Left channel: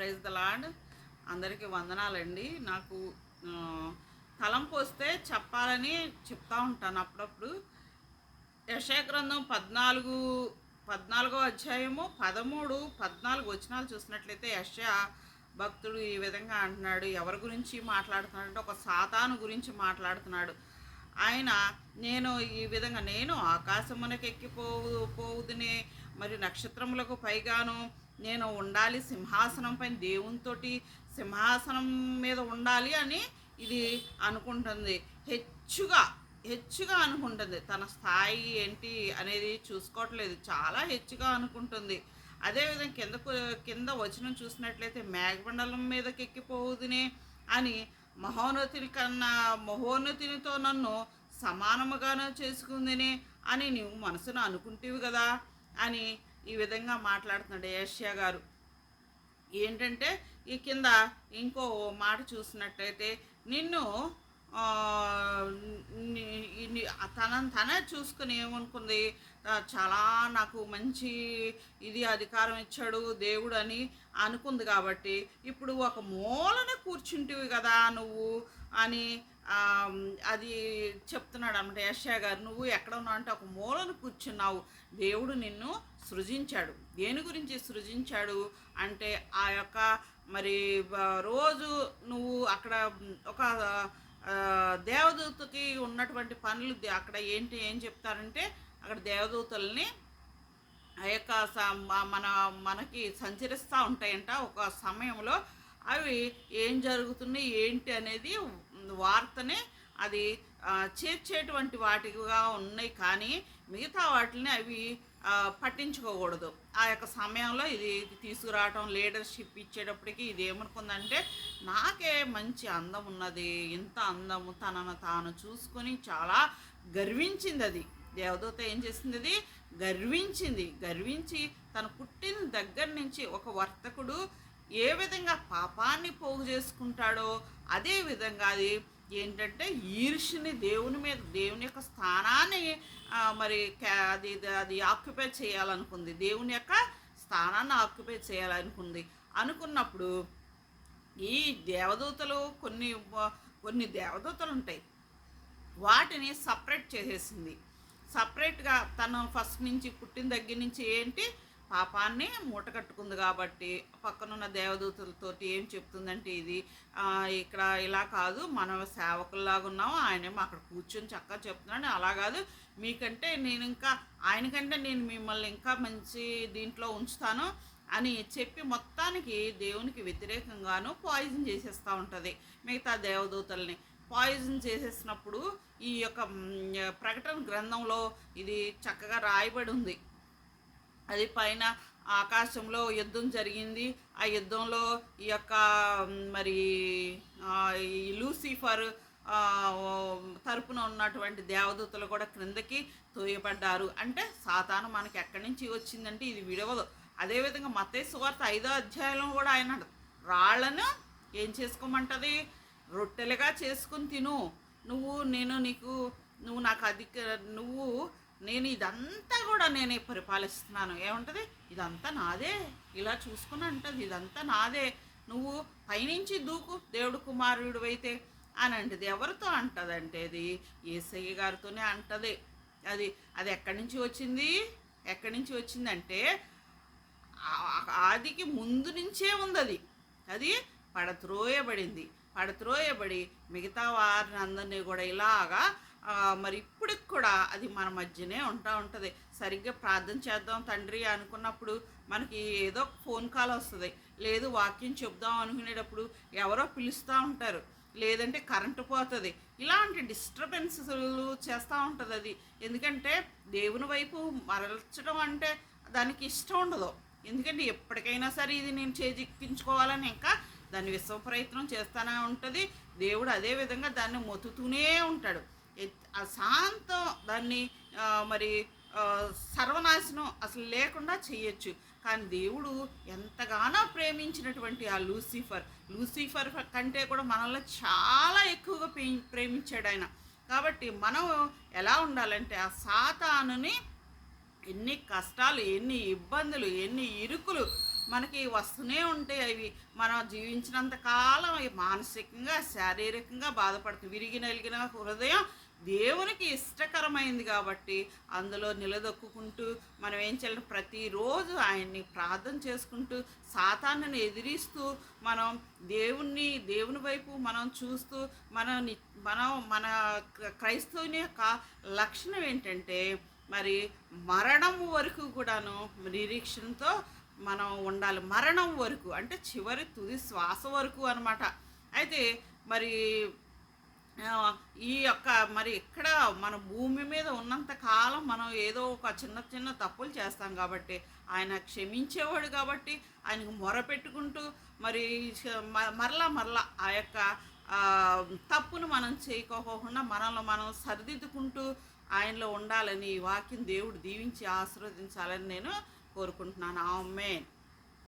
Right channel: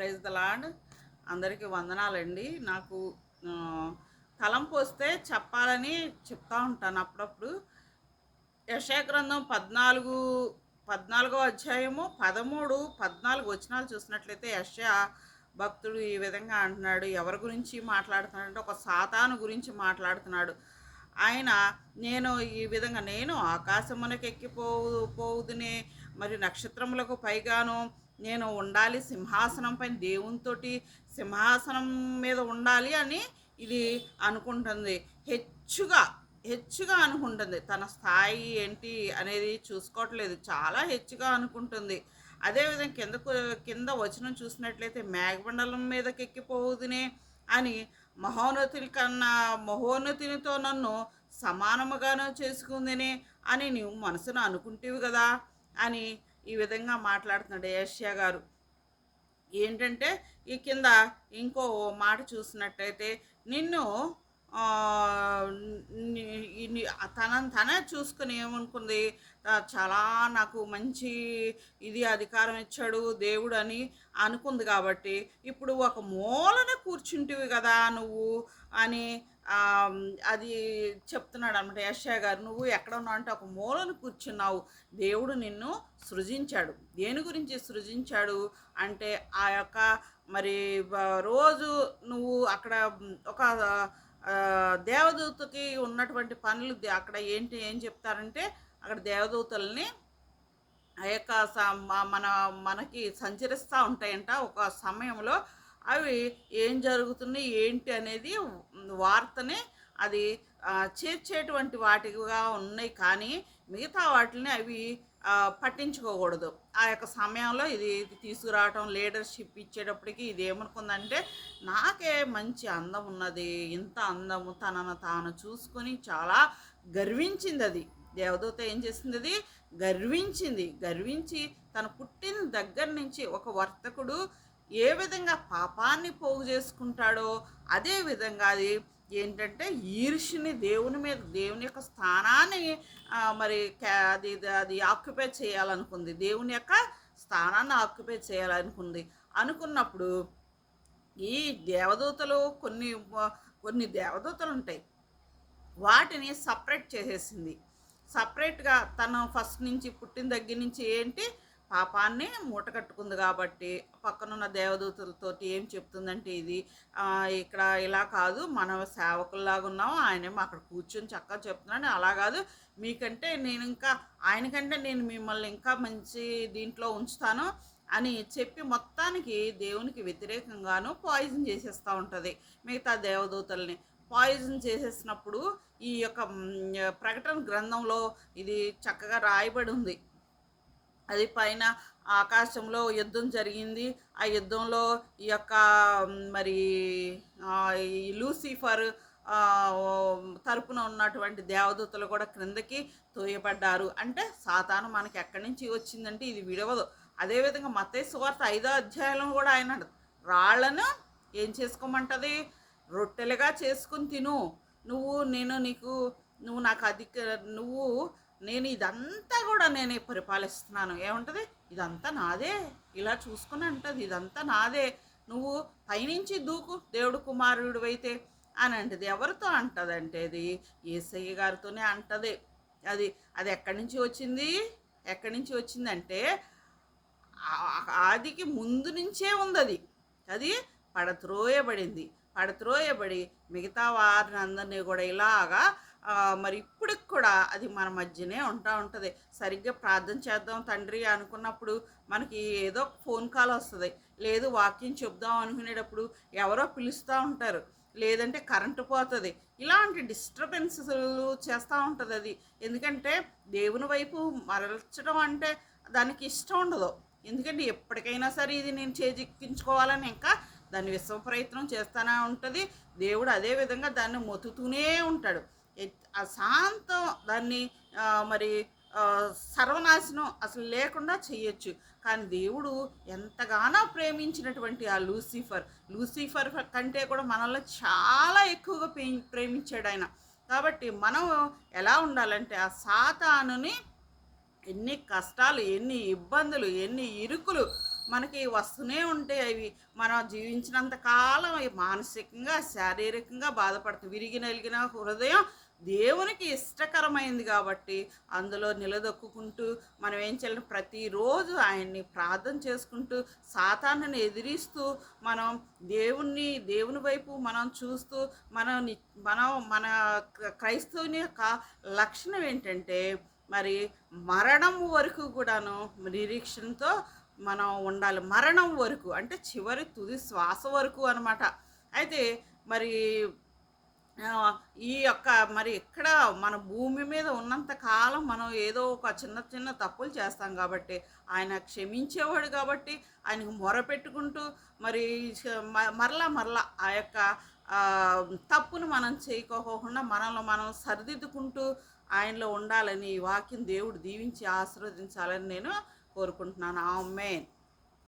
Praise the lord. అందరికీ వందనాలండి. నాకు తలంపు వస్తే చెప్పాలని చెప్తా ఉంటాను అప్పుడప్పుడు. యెషయా గ్రంథం 14వ అధ్యాయము 13, 14 వచనాలు చూసినట్లయితే యెషయా భక్తుడు ఈ విధంగా అంటున్నాడు. ఎవరి గురించి మాట్లాడుతున్నాడంటే ఒక సాతాను గురించి మాట్లాడుతున్నాడు. ఆయన నేను ఆకాశమునకు ఎక్కిపోవుదునే, మరి నక్షత్రములకు పైగాను నేను ఉండాలి, సింహాసనం పైన దేవునితోటి సింహాసనం మీద ఉండాలి అని ఇది అనుకుంటుంది. హెచ్చుగా అనుకుంటుంది. తన స్థాయి ఏంటి అనేది చూసుకోవట్లేదు, చాలా హెచ్చుగా అనుకుంటుంది. అదేవిధంగా కింద వచనం చూసినట్లయితే మేఘమండలం మీదకి ఎక్కిపోవుదునే అని మహోన్నతినితో నన్ను సమానముగాను చేసుకుందినే అని నువ్వు మనసును అనుకుంటేవి కదా అని ఈ విధంగా మాట్లాడుతున్నాడు యెషయా గారు. ఏంటంటే ఈ కింద ఇంకో మాట చూసినట్టయితే నిన్ను తనే చూసుకుని ఏమనుకుంది, చాలా నాకు మంచి అధికారం ఇచ్చాడు దేవుడు అని అనుకుంది. కాబట్టి ఇప్పుడు ఒక మూలన కూర్చుంటివి కదా నువ్వు అని అది చెప్తున్నాడు అనమాట యెషయా గారు. నువ్వు ఎక్కడ ఉన్నావు అంటే ఒక మూలను కూర్చున్నావు. దేవుడు నిన్ను సృజించాడు. దేని గురించి సృజించాడు అంటే ఆ యొక్క మరి రోజు నువ్వు అక్కడ ఒక దేవదూతకి ఉన్నటువంటి పనులు అక్కడ ఏం చెప్తారంటే అక్కడ దేవదూతల్ని ఆ యొక్క మనకి సంచరిస్తూ ఉంటాయంట. ఒక సమయంలో అవి ఏం జరుగుతుంది ఏంటి అనేది వార్తని అది చేర్చేటువంటి వాటిగా ఉన్నాయి. కానీ మిగతా వాటిని అవి పట్టించుకోకూడదు. ఆ యొక్క సమయంలో ఇది తీసుకురావటం, లీడర్షిప్ ఇచ్చేటప్పటికి ఇది ఏమనుకుందంటే నాకే మంచి అందం ఉన్నది, ఇంత అందము తనను తాను చూసుకొని చాలా గర్వించింది. అది దేవదూత ఏం చేసింది, అది గర్వించి తను పుట్టిన దగ్గర నుంచి ఒక వర్తకుడు ఏ విధంగా పాపాన్ని పోగు చేసుకుంటాడో అదే విధంగా అది ఏంటంటే ఈర్ష్యని దేవుని యొక్క స్థానాన్ని మరి అది ఆక్యుపై చేయాలనుకుంది. దేవుని యొక్క స్థానాన్ని ఆక్యుపై చేయాలనుకుంది. అనుకున్నప్పుడు ఈ దేవదూతలు కొన్ని దేవదూతలు ఉంటాయి, వాటిని సపరేట్ చేసేసింది. సపరేట్గా తను ఫస్ట్ నుంచి పుట్టిన దగ్గర నుంచి ఏంటి పాపాన్ని మూట కట్టుకుంది. కాబట్టి పక్కనున్న దేవదూతలతోటి ఏం చెప్తుందంటే ఇది ఇక్కడ ఇలా కాదు, మనం సేవకుల్లాగా ఉన్నాము, ఆయనేమో అక్కడ కూర్చొని చక్కగా చెప్తున్నాడు. అలా కాదు, ఆయనకంటే నేను మిమ్మల్ని ఇంకా మంచి దీంట్లో ఉంచుతాను అని చెప్పి మొత్తానికి దేవునికి వ్యతిరేకంగాను పాయిజన్ చేసేస్తూ ఉంటుంది. మిగతా దేవదూతల్ని పాయిజన్ చేసేసినప్పుడు ఈ యొక్క ప్రకటన గ్రంథంలో ఇది చక్కగా రాయబడి ఉంది. అది పైన ఆకాశంలో యుద్ధం జరిగింది. ఆ యుద్ధంలో ఈ యొక్క మరి లూసిఫర్ తరపున ఉన్నటువంటి దేవదూతలు కూడా క్రిందకి తోయబడ్డారు. అంటే సాతాను మనకి ఎక్కడి నుంచి వచ్చిందంటే ఇది విడవదు. అదేవిధంగా మత్తయి సువార్త 5వ అధ్యాయంలో కూడా ఆయన రాళ్లను ఏం చేసుకోమంటది, రొట్టెలుగా చేసుకుని తిను, నేను ఇదంతా కూడా నేనే పరిపాలిస్తున్నాను. ఏముంటుంది, ఇదంతా నాదే, ఇలా చూసుకుని అంటది, ఇదంతా నాదే, నువ్వు పైనుంచి దూకు దేవుడు కుమారుడు అయితే అని అంటది. ఎవరితో అంటదంటే అది యేసయ్య గారితోనే అంటది. అది ఎక్కడి నుంచి వచ్చిందంటే ఆదికి ముందు నుంచే ఉంది. అది పడత్రోయబడి మిగతా వారిని అందరినీ కూడా ఇలాగా మరి ఇప్పటికి కూడా అది మన మధ్యనే ఉంటుంది. సరిగ్గా ప్రార్థన చేద్దాం తండ్రి అనుకున్నప్పుడు మనకి ఏదో ఫోన్ కాల్ వస్తుంది, లేదు వాక్యం చెప్దాం అనుకునేటప్పుడు ఎవరో పిలుస్తూ ఉంటారు, లేదంటే కరెంటు పోతుంది. ఇలాంటి డిస్టర్బెన్స్లు చేస్తూ ఉంటుంది అది. ఎందుకంటే దేవుని వైపు మరల్చడం అంటే దానికి ఇష్టం ఉండదు. ఎందుకంటే ఎప్పటికైనా సరే ఇది నేను చేజిక్కించుకోవాలని ఇంకా దాన్ని విశ్వ ప్రయత్నం చేస్తూనే ఉంటుంది. దేవుడు అదే విధంగా దాన్ని మొత్తుతూనే ఉంటాడు. శాంతం దాన్ని మరి సర్వనాశనం అసలు లేకుండా చేయొచ్చు. కానీ దేవుడు ఎంతగానో ప్రేమించినటువంటి ఆ లూసిఫర్ కంటే కూడా మనల్ని చాలా ఎక్కువగా ప్రేమించాడు ఆయన. కాబట్టి మనం ఎలా ఉండాలంటే ఆ సాతానుని ఎన్ని కష్టాలు, ఎన్ని ఇబ్బందులు, ఎన్ని ఇరుకులు మనకి వస్తూనే ఉంటాయి అవి. మనం జీవించినంత కాలం అవి మానసికంగా, శారీరకంగా బాధపడుతుంది. విరిగి నలిగిన హృదయం దేవునికి ఇష్టకరమైంది కాబట్టి అందులో నిలదొక్కుకుంటూ మనం ఏం చేయాలి, ప్రతిరోజు ఆయన్ని ప్రార్థన చేసుకుంటూ సాతానుని ఎదిరిస్తూ మనం దేవుని వైపు మనం చూస్తూ మనం మన క్రైస్తవుని యొక్క లక్షణం ఏంటంటే మరి మరణం వరకు కూడాను నిరీక్షణతో మనం ఉండాలి. మరణం వరకు అంటే చివరి తుది శ్వాస వరకు అనమాట. అయితే మరి ఈ యొక్క మరి ఇక్కడ మన భూమి మీద ఉన్నంత కాలం మనం ఏదో ఒక చిన్న చిన్న తప్పులు చేస్తాం కాబట్టి ఆయన క్షమించేవాడు కాబట్టి ఆయనకు మొరపెట్టుకుంటూ మరి మరలా ఆ యొక్క తప్పును మనం చేయకోకుండా మనల్ని మనం సరిదిద్దుకుంటూ ఆయనలో ఉండాలని ఈ వాక్యం దేవుడు దీవించి ఆశీర్వదించాలని నేను కోరుకుంటున్నాను. ఆమేన్.